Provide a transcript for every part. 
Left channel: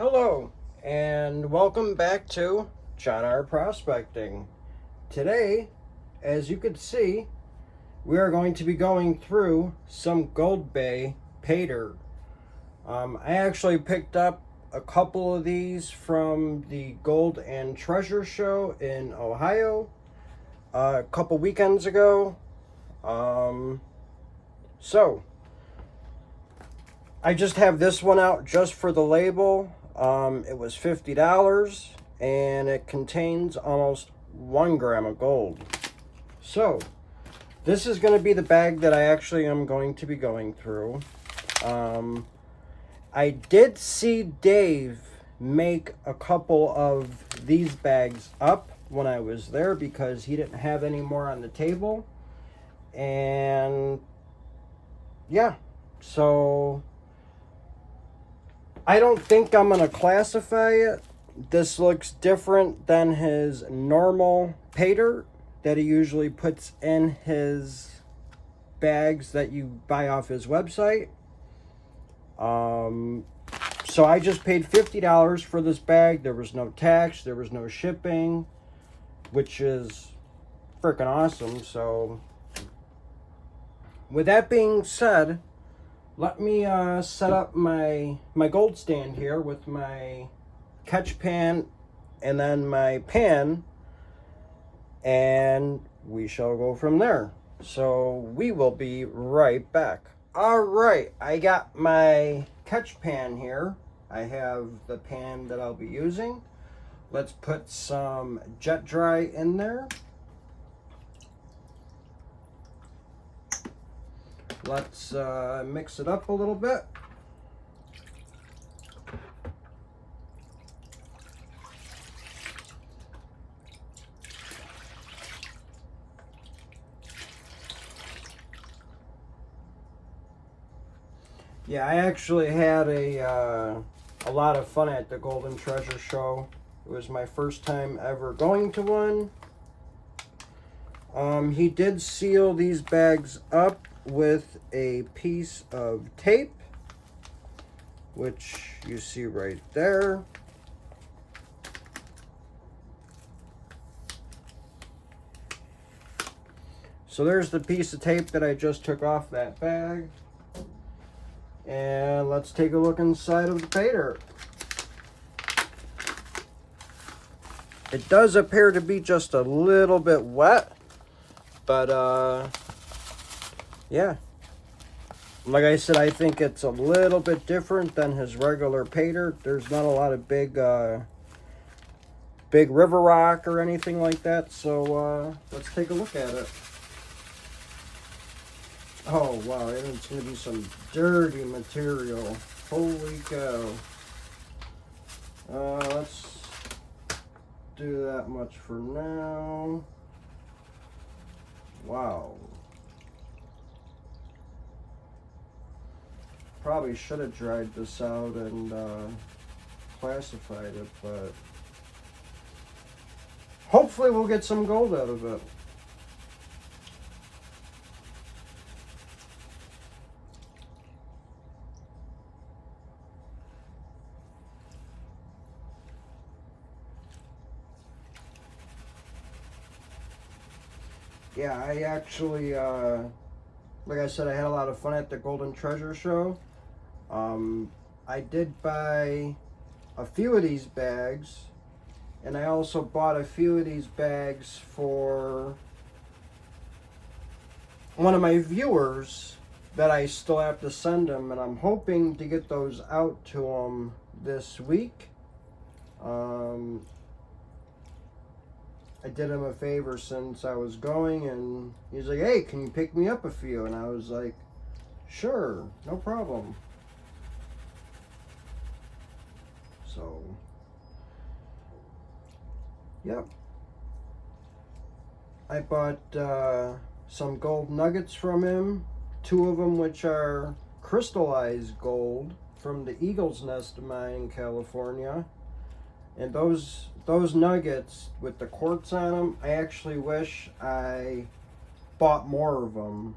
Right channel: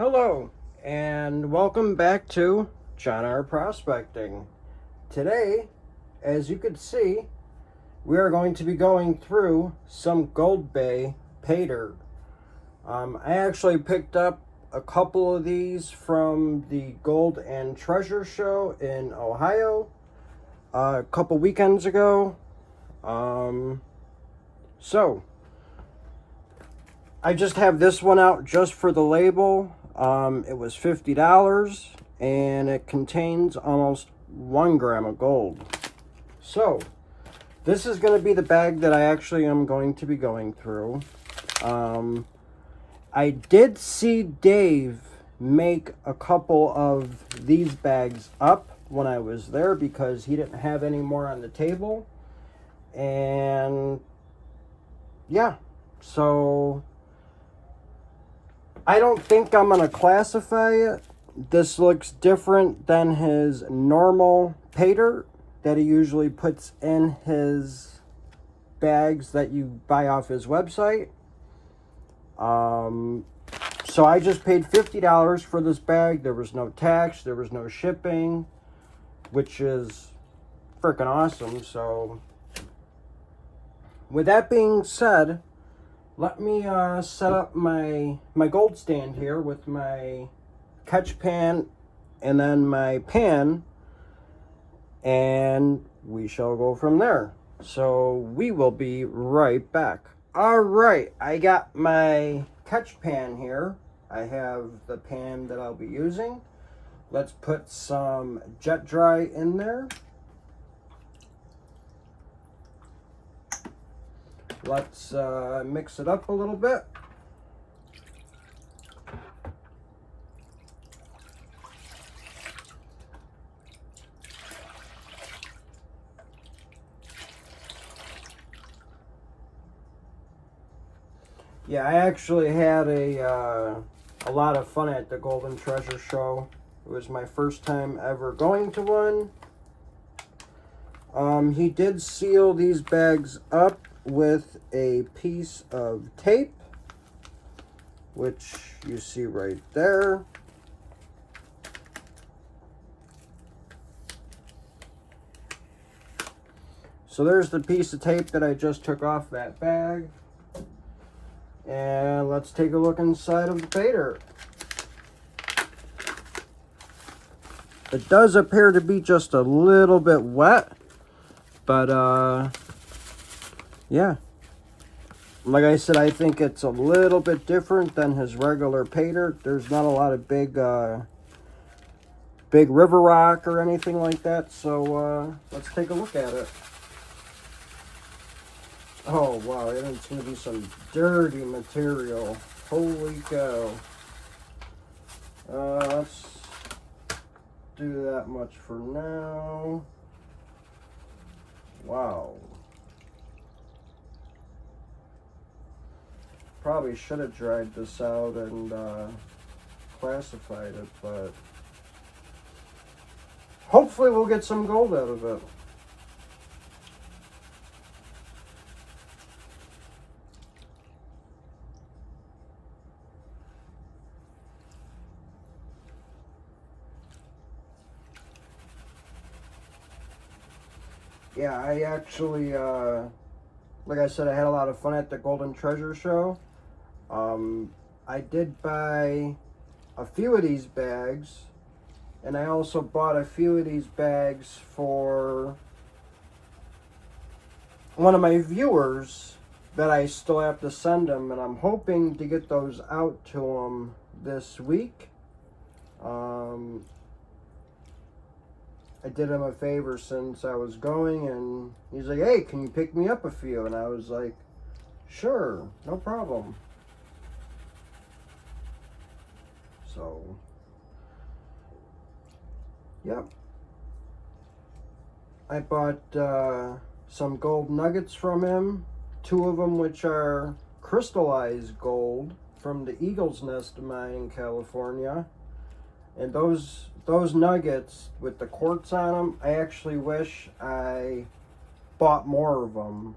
Hello, and welcome back to John R. Prospecting. Today, as you can see, we are going to be going through some Goldbay Paydirt. I actually picked up a couple of these from the Gold and Treasure Show in Ohio a couple weekends ago. So, I just have this one out just for the label. It was $50 and it contains almost 1 gram of gold. So this is going to be the bag that I actually am going to be going through. I did see Dave make a couple of these bags up when I was there because he didn't have any more on the table. And yeah, so I don't think I'm going to classify it. This looks different than his normal Paydirt that he usually puts in his bags that you buy off his website. So I just paid $50 for this bag. There was no tax, there was no shipping, which is freaking awesome. So with that being said, let me set up my gold stand here with my catch pan and then my pan, and we shall go from there. So we will be right back. All right, I got my catch pan here. I have the pan that I'll be using. Let's put some jet dry in there. Let's mix it up a little bit. Yeah, I actually had a lot of fun at the Golden Treasure Show. It was my first time ever going to one. He did seal these bags up with a piece of tape, which you see right there. So there's the piece of tape that I just took off that bag. And let's take a look inside of the Paydirt. It does appear to be just a little bit wet, but yeah, like I said, I think it's a little bit different than his regular Paydirt. There's not a lot of big river rock or anything like that. So let's take a look at it. Oh wow, it's going to be some dirty material. Holy cow. Let's do that much for now. Wow. Probably should have dried this out and classified it, but hopefully we'll get some gold out of it. Yeah, I actually, like I said, I had a lot of fun at the Golden Treasure Show. I did buy a few of these bags, and I also bought a few of these bags for one of my viewers that I still have to send them, and I'm hoping to get those out to them this week. I did him a favor since I was going, and he's like, hey, can you pick me up a few? And I was like, sure, no problem. So, yep. I bought some gold nuggets from him, 2 of them which are crystallized gold from the Eagle's Nest mine in California. And those nuggets with the quartz on them, I actually wish I bought more of them.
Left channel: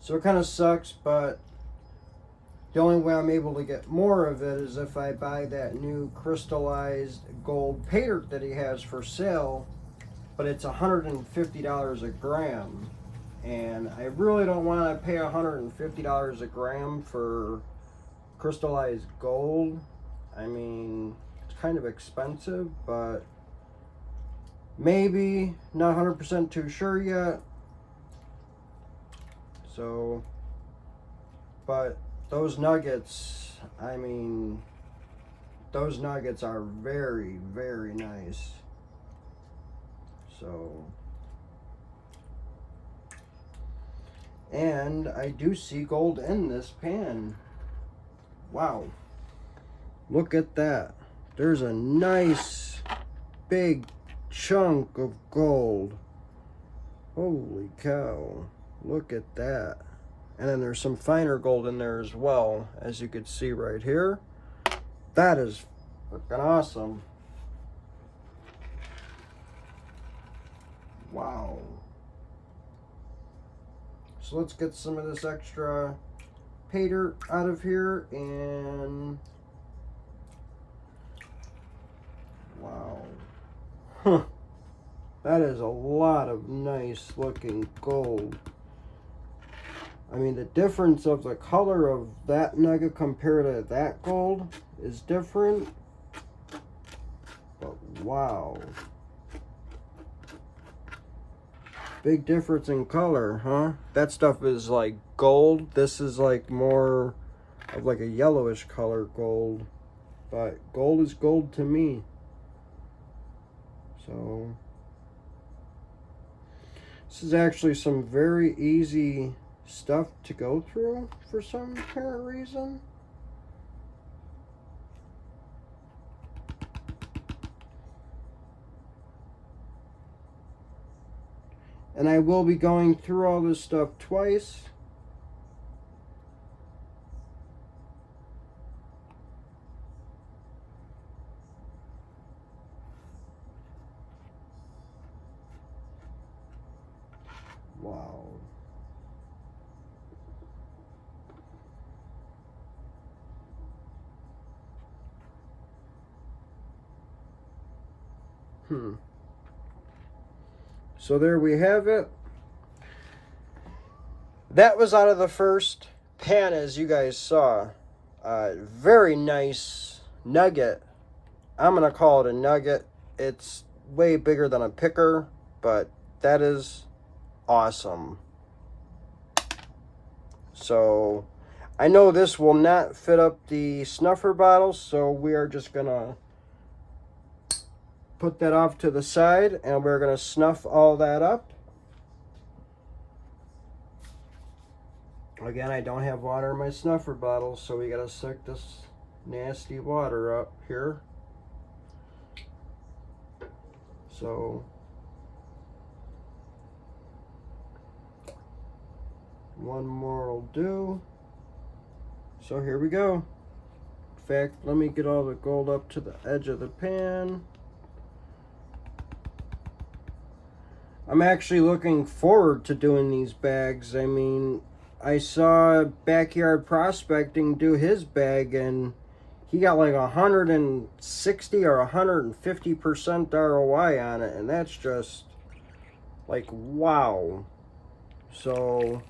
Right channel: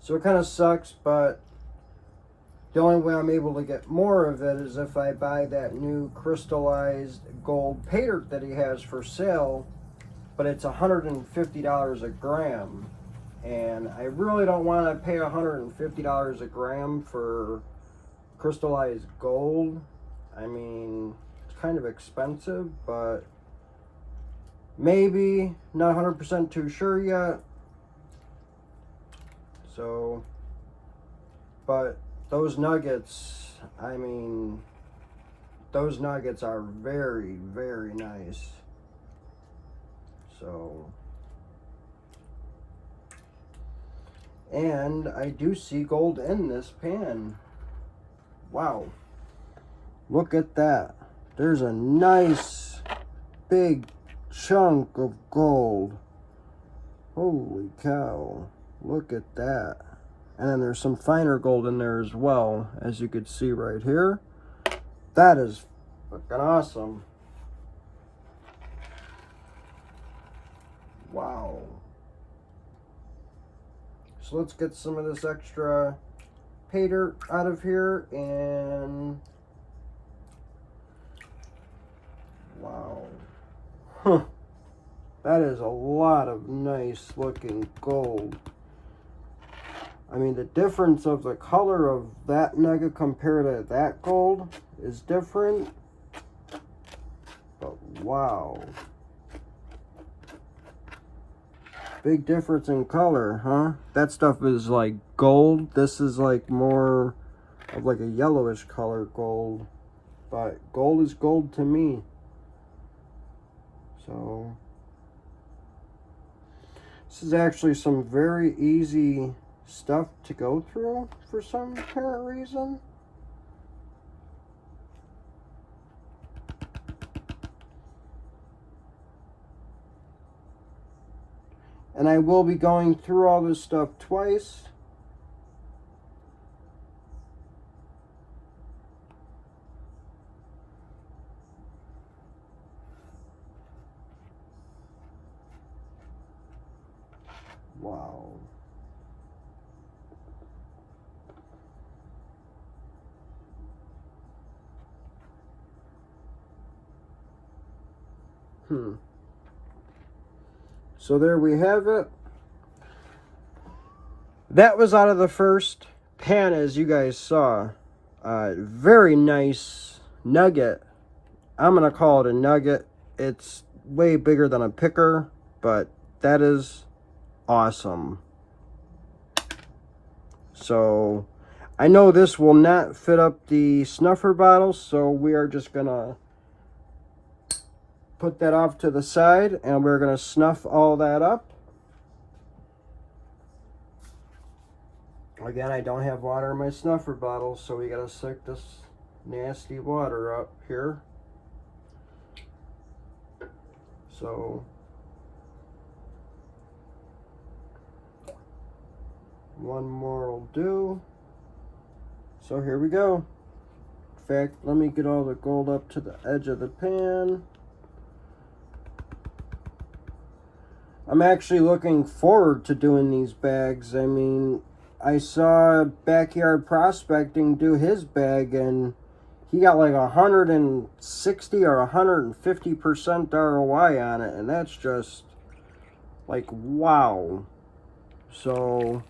So it kind of sucks, but The only way I'm able to get more of it is if I buy that new crystallized gold Paydirt that he has for sale, but it's $150 a gram. And I really don't want to pay $150 a gram for crystallized gold. I mean, it's kind of expensive, but maybe, not 100% too sure yet. So, but those nuggets, I mean, those nuggets are very, very nice. So, and I do see gold in this pan. Wow. Look at that. There's a nice big chunk of gold. Holy cow. Look at that. And then there's some finer gold in there as well, as you can see right here. That is fucking awesome. Wow. So let's get some of this extra Paydirt out of here, and wow. Huh. That is a lot of nice looking gold. I mean, the difference of the color of that nugget compared to that gold is different. But wow. Big difference in color, huh? That stuff is like gold. This is like more of like a yellowish color gold. But gold is gold to me. So this is actually some very easy stuff to go through for some apparent reason. And I will be going through all this stuff twice. Wow. So there we have it. That was out of the first pan, as you guys saw. Very nice nugget. I'm gonna call it a nugget. It's way bigger than a picker, but that is awesome. So I know this will not fit up the snuffer bottle, so we are just gonna put that off to the side, and we're gonna snuff all that up. Again, I don't have water in my snuffer bottle, so we gotta suck this nasty water up here. So one more will do. So here we go. In fact, let me get all the gold up to the edge of the pan. I'm actually looking forward to doing these bags. I mean, I saw Backyard Prospecting do his bag, and he got like 160 or 150% ROI on it, and that's just like wow. So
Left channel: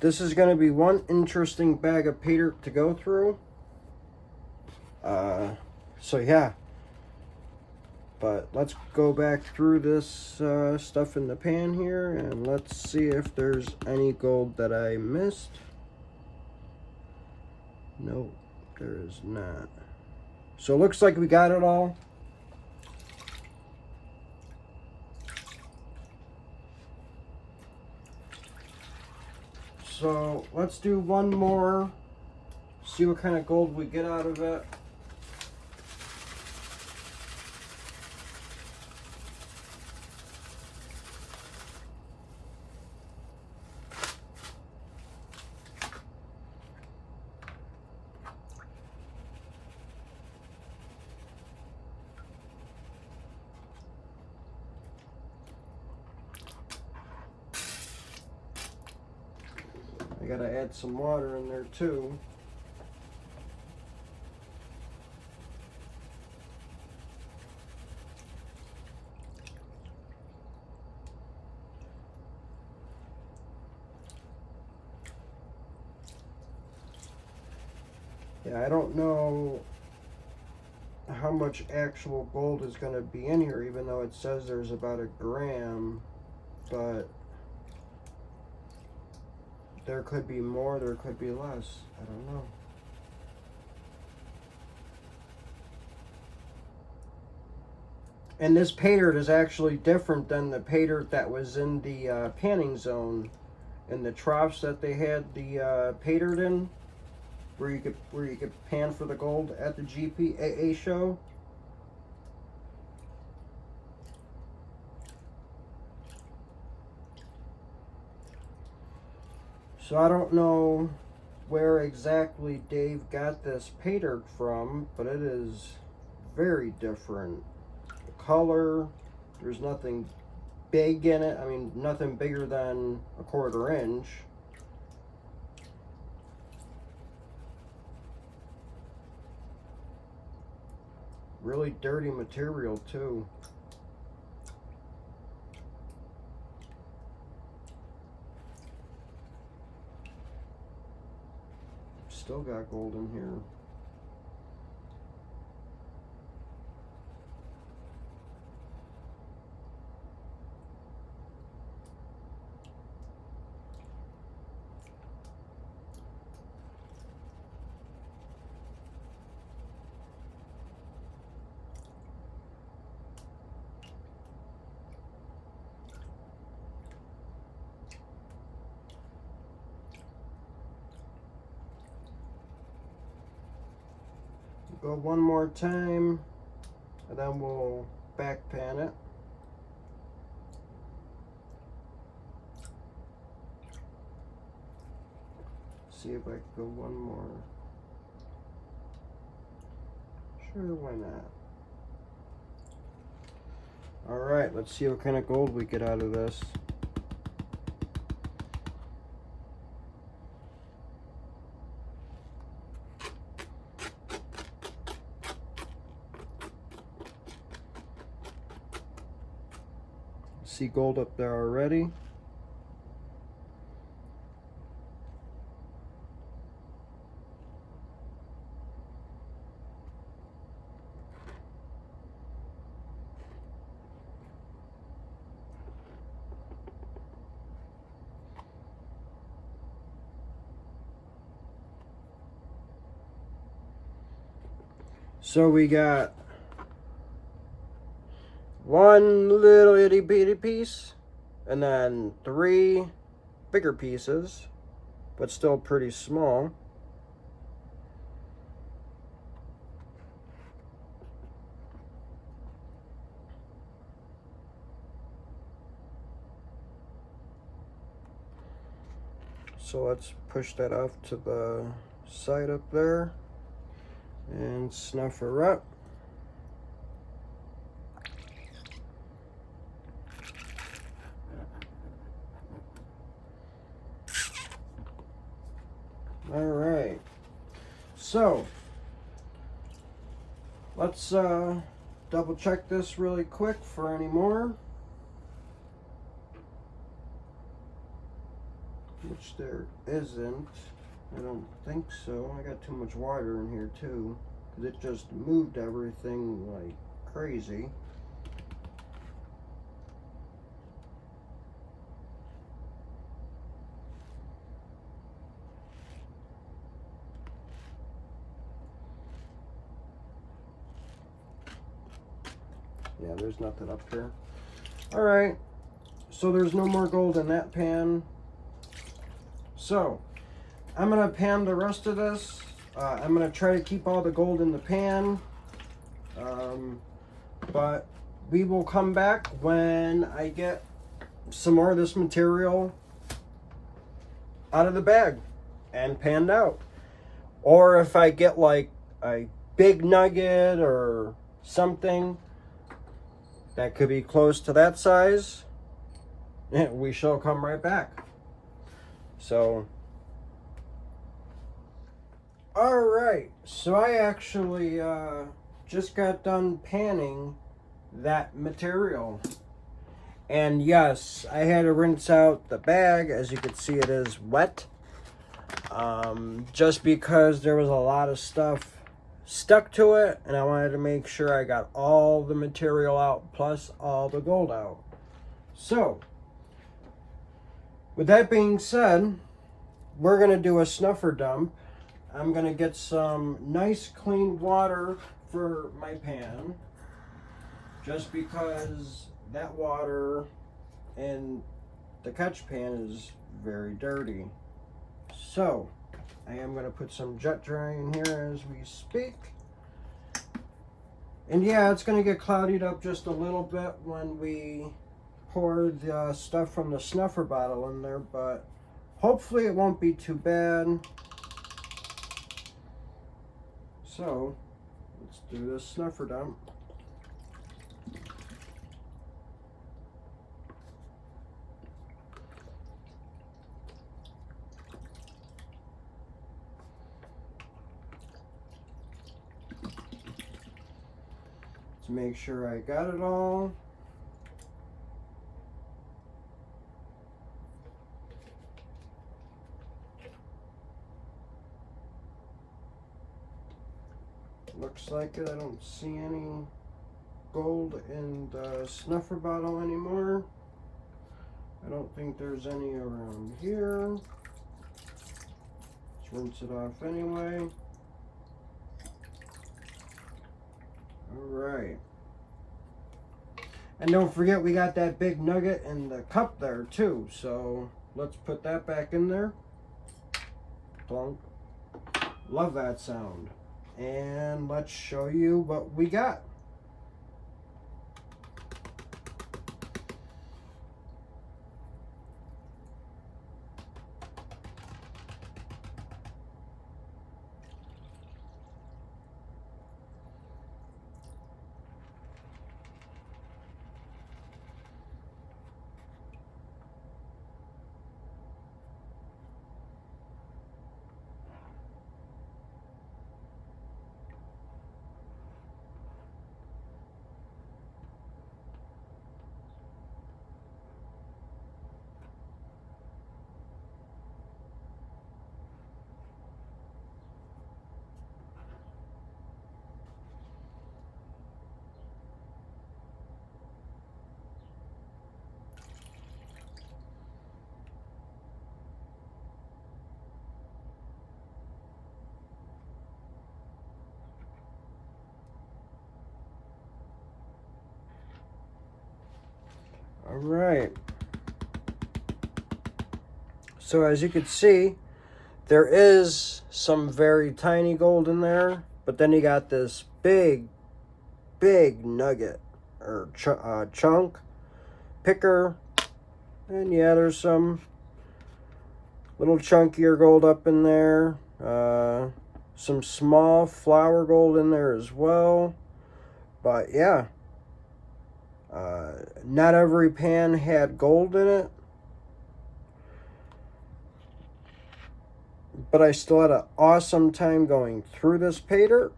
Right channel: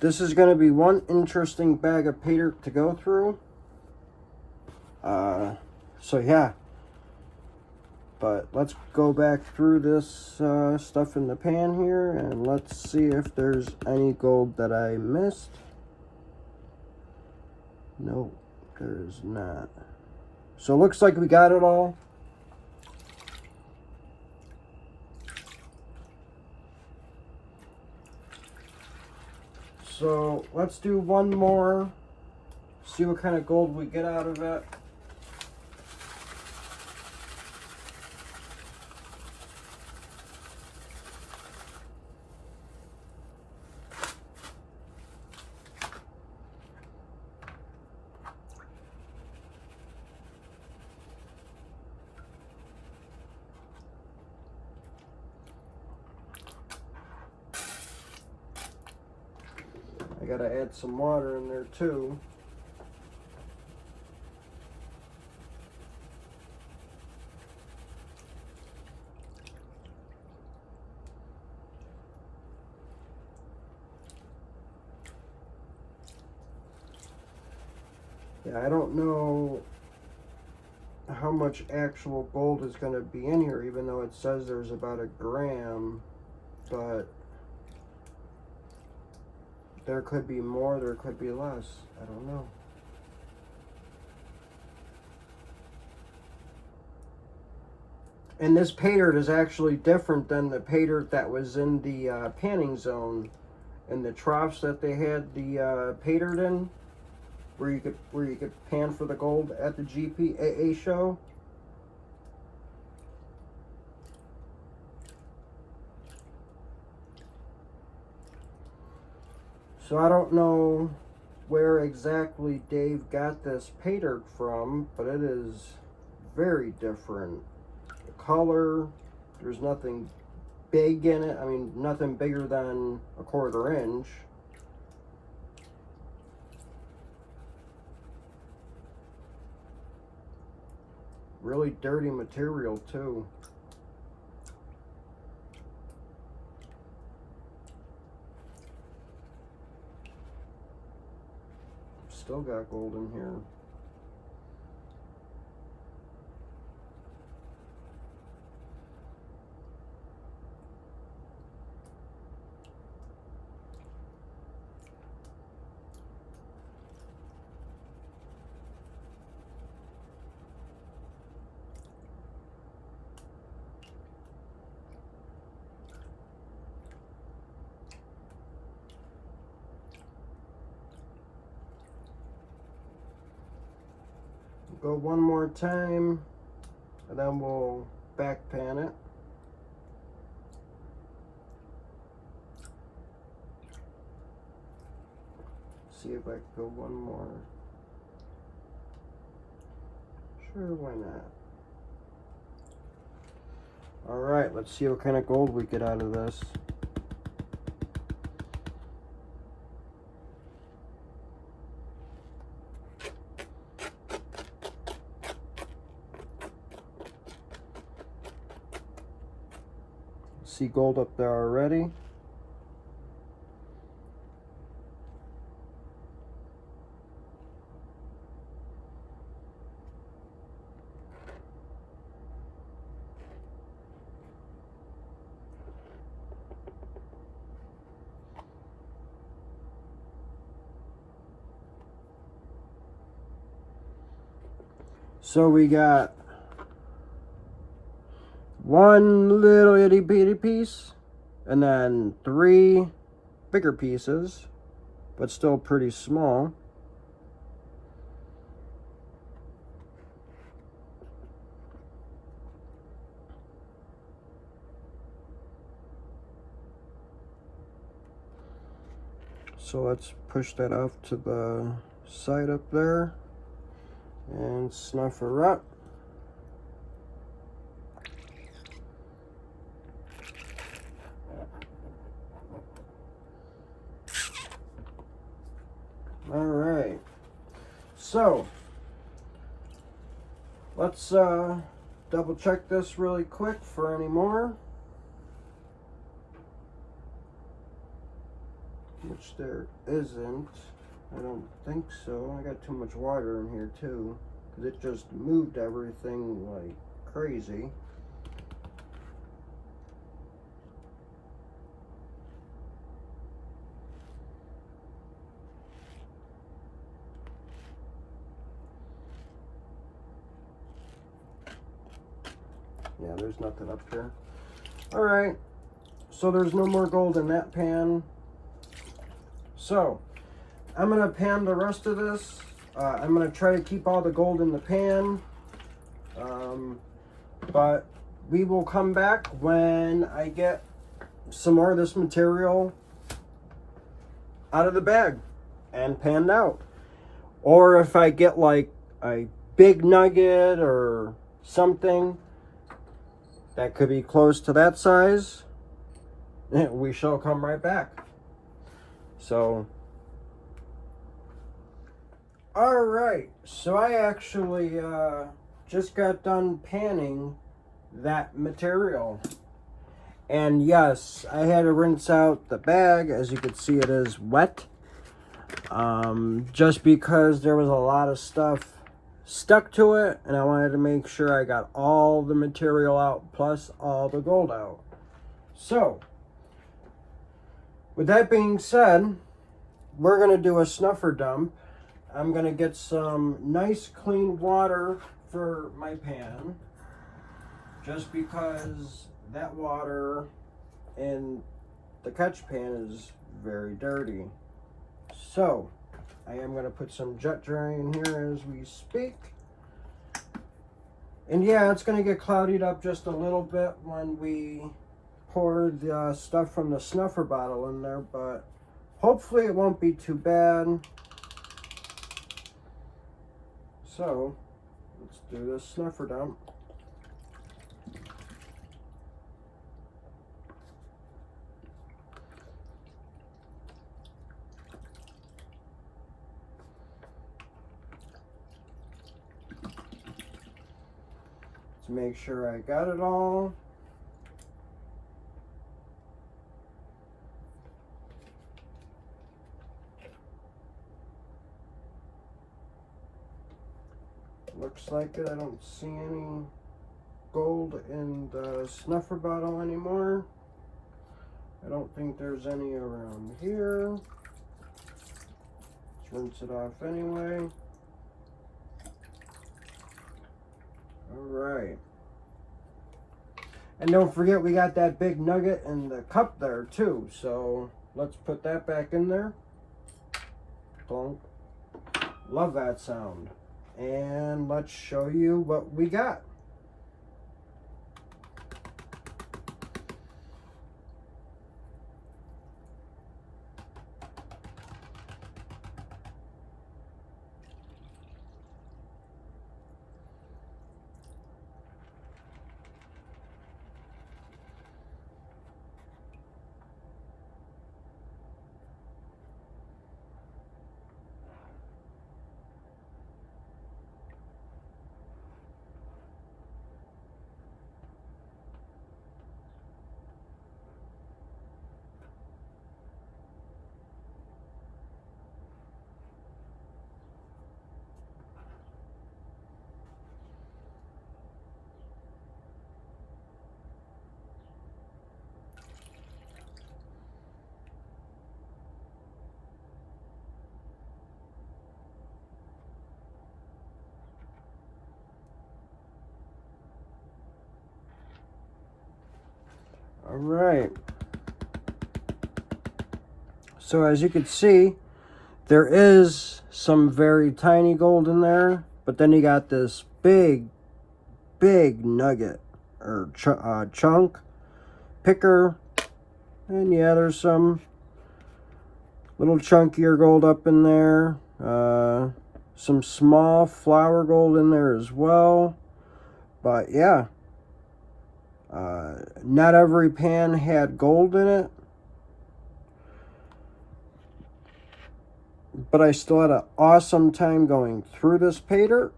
this is going to be one interesting bag of Paydirt to go through. So yeah. But let's go back through this stuff in the pan here, and let's see if there's any gold that I missed. Nope, there is not. So it looks like we got it all. So let's do one more, see what kind of gold we get out of it. I gotta add some water in there too. Yeah, I don't know how much actual gold is going to be in here, even though it says there's about 1 gram, but there could be more, there could be less. I don't know. And this paydirt is actually different than the paydirt that was in the panning zone, in the troughs that they had the paydirt in, where you could pan for the gold at the GPAA show. So I don't know where exactly Dave got this paydirt from, but it is very different. The color, there's nothing big in it. I mean, nothing bigger than 1/4 inch. Really dirty material too. Still got gold in here. Go one more time, and then we'll back pan it. See if I can go one more. Sure, why not? All right, let's see what kind of gold we get out of this. See gold up there already. So we got one little itty bitty piece, and then 3 bigger pieces, but still pretty small. So let's push that off to the side up there and snuff her up. All right, so let's double check this really quick for any more, which there isn't. I don't think so. I got too much water in here too, because it just moved everything like crazy. Yeah, there's nothing up there. All right, so there's no more gold in that pan. So I'm gonna pan the rest of this. I'm gonna try to keep all the gold in the pan, but we will come back when I get some more of this material out of the bag and panned out. Or if I get like a big nugget or something that could be close to that size, we shall come right back. So Alright, so I actually just got done panning that material. And yes, I had to rinse out the bag. As you can see, it is wet. Just because there was a lot of stuff stuck to it, and I wanted to make sure I got all the material out, plus all the gold out. So, with that being said, we're going to do a snuffer dump. I'm going to get some nice clean water for my pan, just because that water in the catch pan is very dirty. So I am going to put some jet dry in here as we speak. And yeah, it's going to get clouded up just a little bit when we pour the stuff from the snuffer bottle in there, but hopefully it won't be too bad. So let's do this snuffer dump. To make sure I got it all. Looks like it. I don't see any gold in the snuffer bottle anymore. I don't think there's any around here. Let's rinse it off anyway. Alright. And don't forget, we got that big nugget in the cup there too. So let's put that back in there. Plunk. Love that sound. And let's show you what we got. All right. So as you can see, there is some very tiny gold in there, but then you got this big nugget or chunk picker, and yeah, there's some little chunkier gold up in there, some small flour gold in there as well. But yeah, not every pan had gold in it, but I still had an awesome time going through this Paydirt.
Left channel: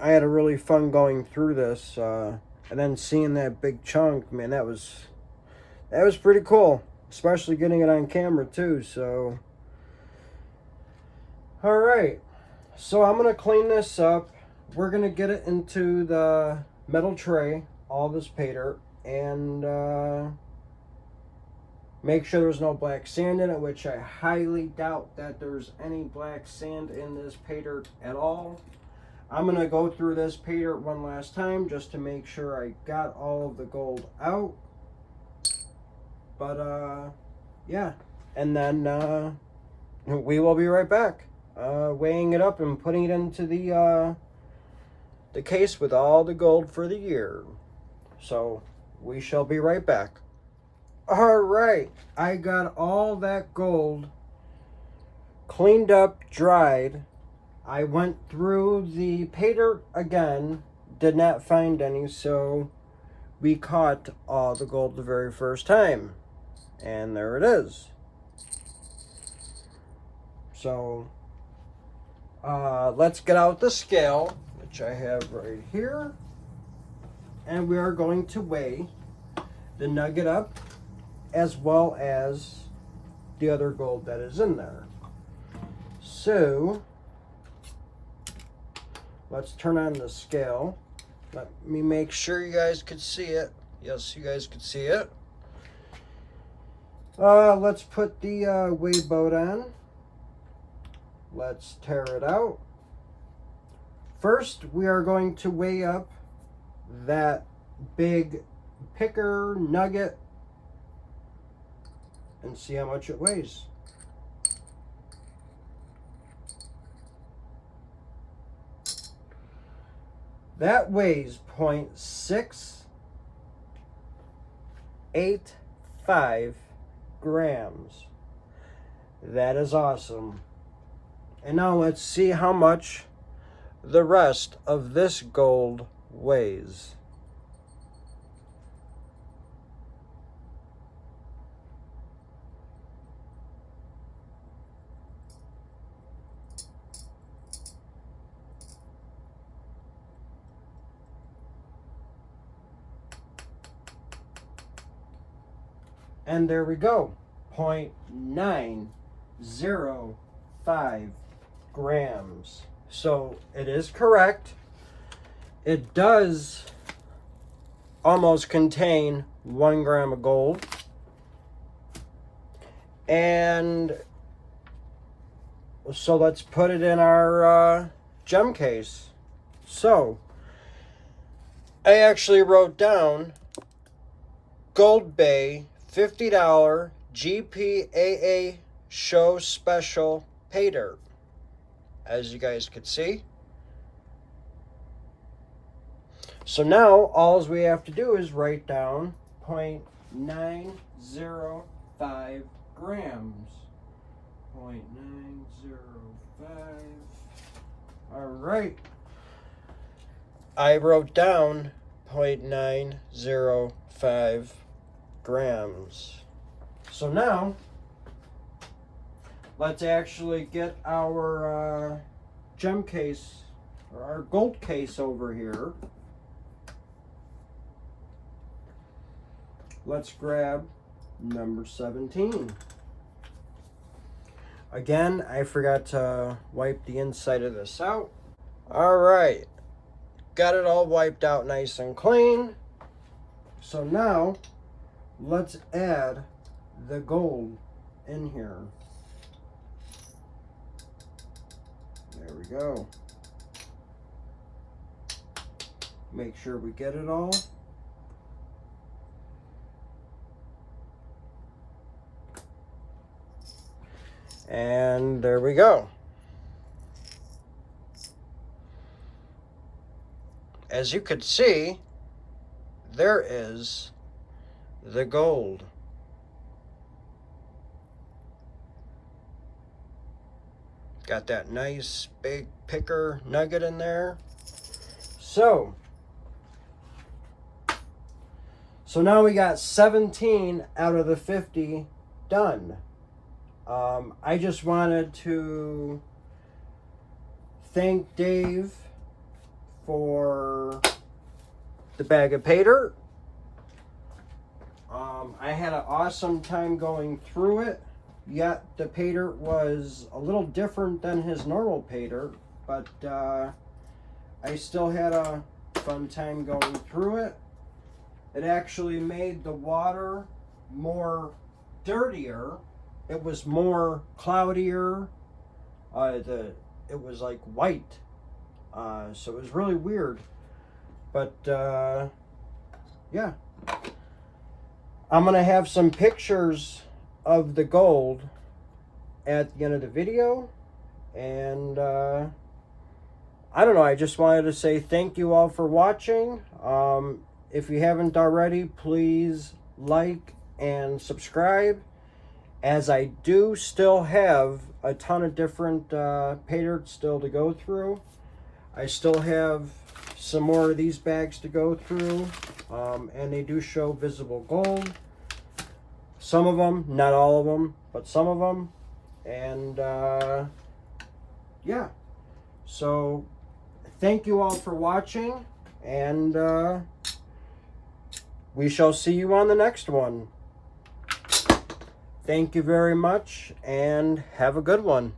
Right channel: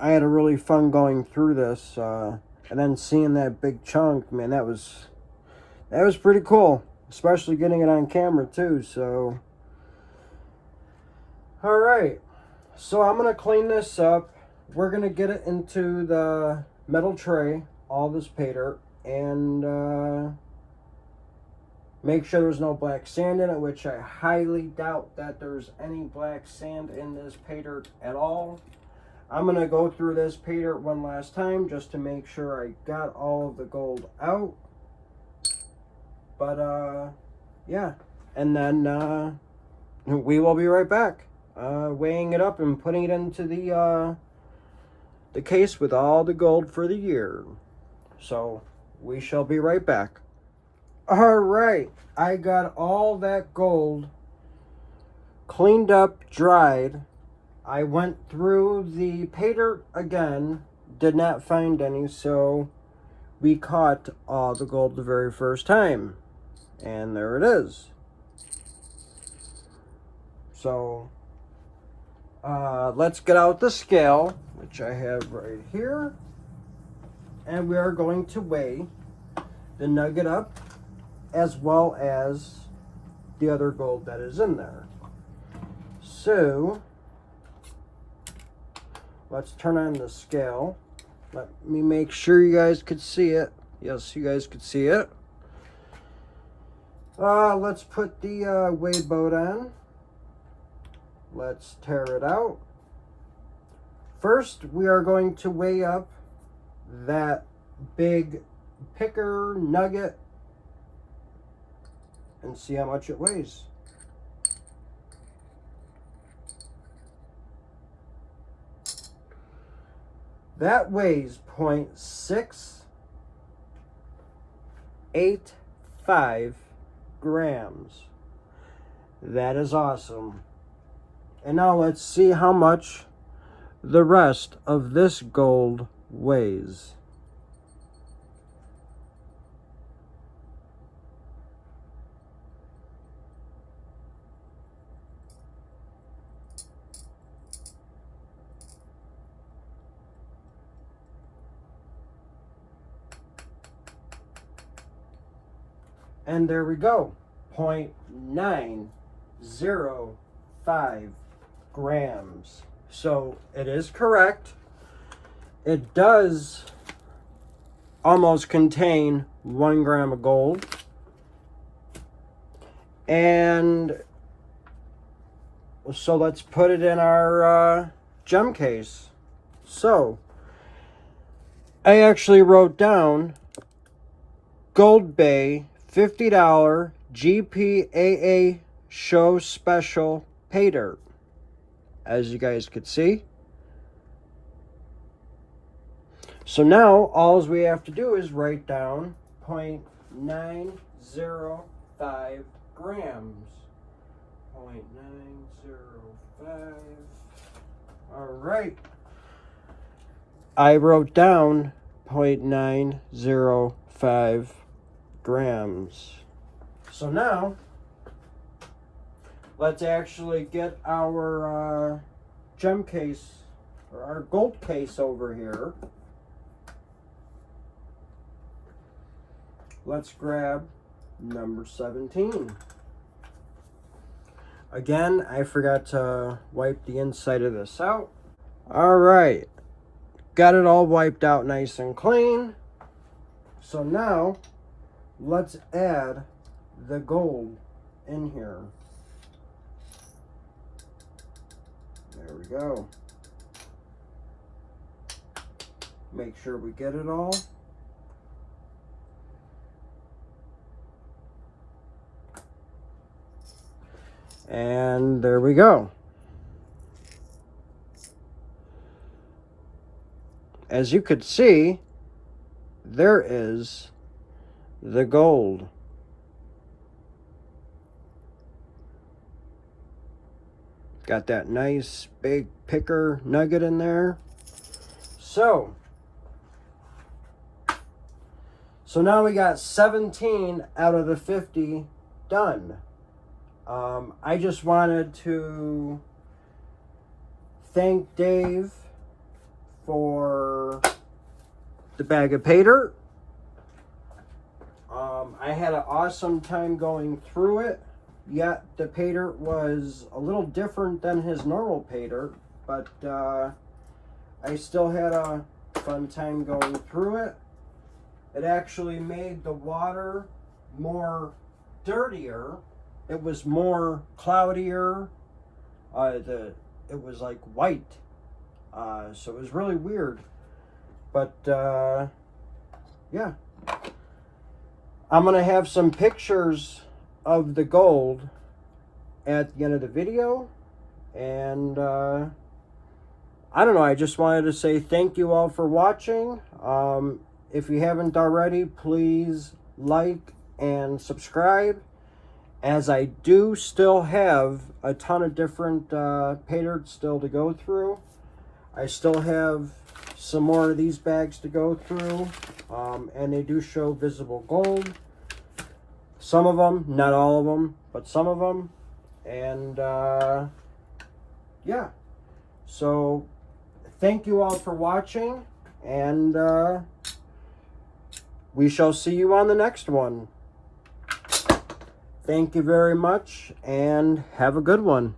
I had a really fun going through this, and then seeing that big chunk, man, that was pretty cool, especially getting it on camera too. So all right, so I'm gonna clean this up. We're gonna get it into the metal tray, all this Paydirt, and make sure there's no black sand in it, which I highly doubt that there's any black sand in this Paydirt at all. I'm gonna go through this Paydirt one last time just to make sure I got all of the gold out. But yeah, and then we will be right back, weighing it up and putting it into the case with all the gold for the year. So we shall be right back. All right, I got all that gold cleaned up, dried. I went through the Paydirt again, did not find any, so we caught all the gold the very first time. And there it is. So let's get out the scale, which I have right here, and we are going to weigh the nugget up as well as the other gold that is in there. So let's turn on the scale. Let me make sure you guys could see it. Yes, you guys could see it. Let's put the weigh boat on. Let's tear it out. First, we are going to weigh up that big picker nugget and see how much it weighs. That weighs 0.685 grams. That is awesome. And now let's see how much the rest of this gold weighs. And there we go, 0.905 grams. So it is correct. It does almost contain 1 gram of gold. And so let's put it in our gem case. So I actually wrote down Goldbay $50 GPAA show special Paydirt, as you guys could see. So now all we have to do is write down 0.905 grams. 0.905. All right. I wrote down 0.905 grams. So now let's actually get our gem case, or our gold case over here. Let's grab number 17. Again, I forgot to wipe the inside of this out. All right, got it all wiped out nice and clean. So now let's add the gold in here. There we go. Make sure we get it all. And there we go. As you could see, there is the gold. Got that nice big picker nugget in there. So now we got 17 out of the 50 done. I just wanted to thank Dave for the bag of Paydirt. I had an awesome time going through it, yet the Paydirt was a little different than his normal Paydirt, but I still had a fun time going through it. It actually made the water more dirtier. It was more cloudier. It was like white. So it was really weird. But yeah. I'm going to have some pictures of the gold at the end of the video. And I don't know, I just wanted to say thank you all for watching. If you haven't already, please like and subscribe, as I do still have a ton of different Paydirt still to go through. I still have some more of these bags to go through, and they do show visible gold. Some of them, not all of them, but some of them. And yeah, so thank you all for watching, and we shall see you on the next one. Thank you very much, and have a good one.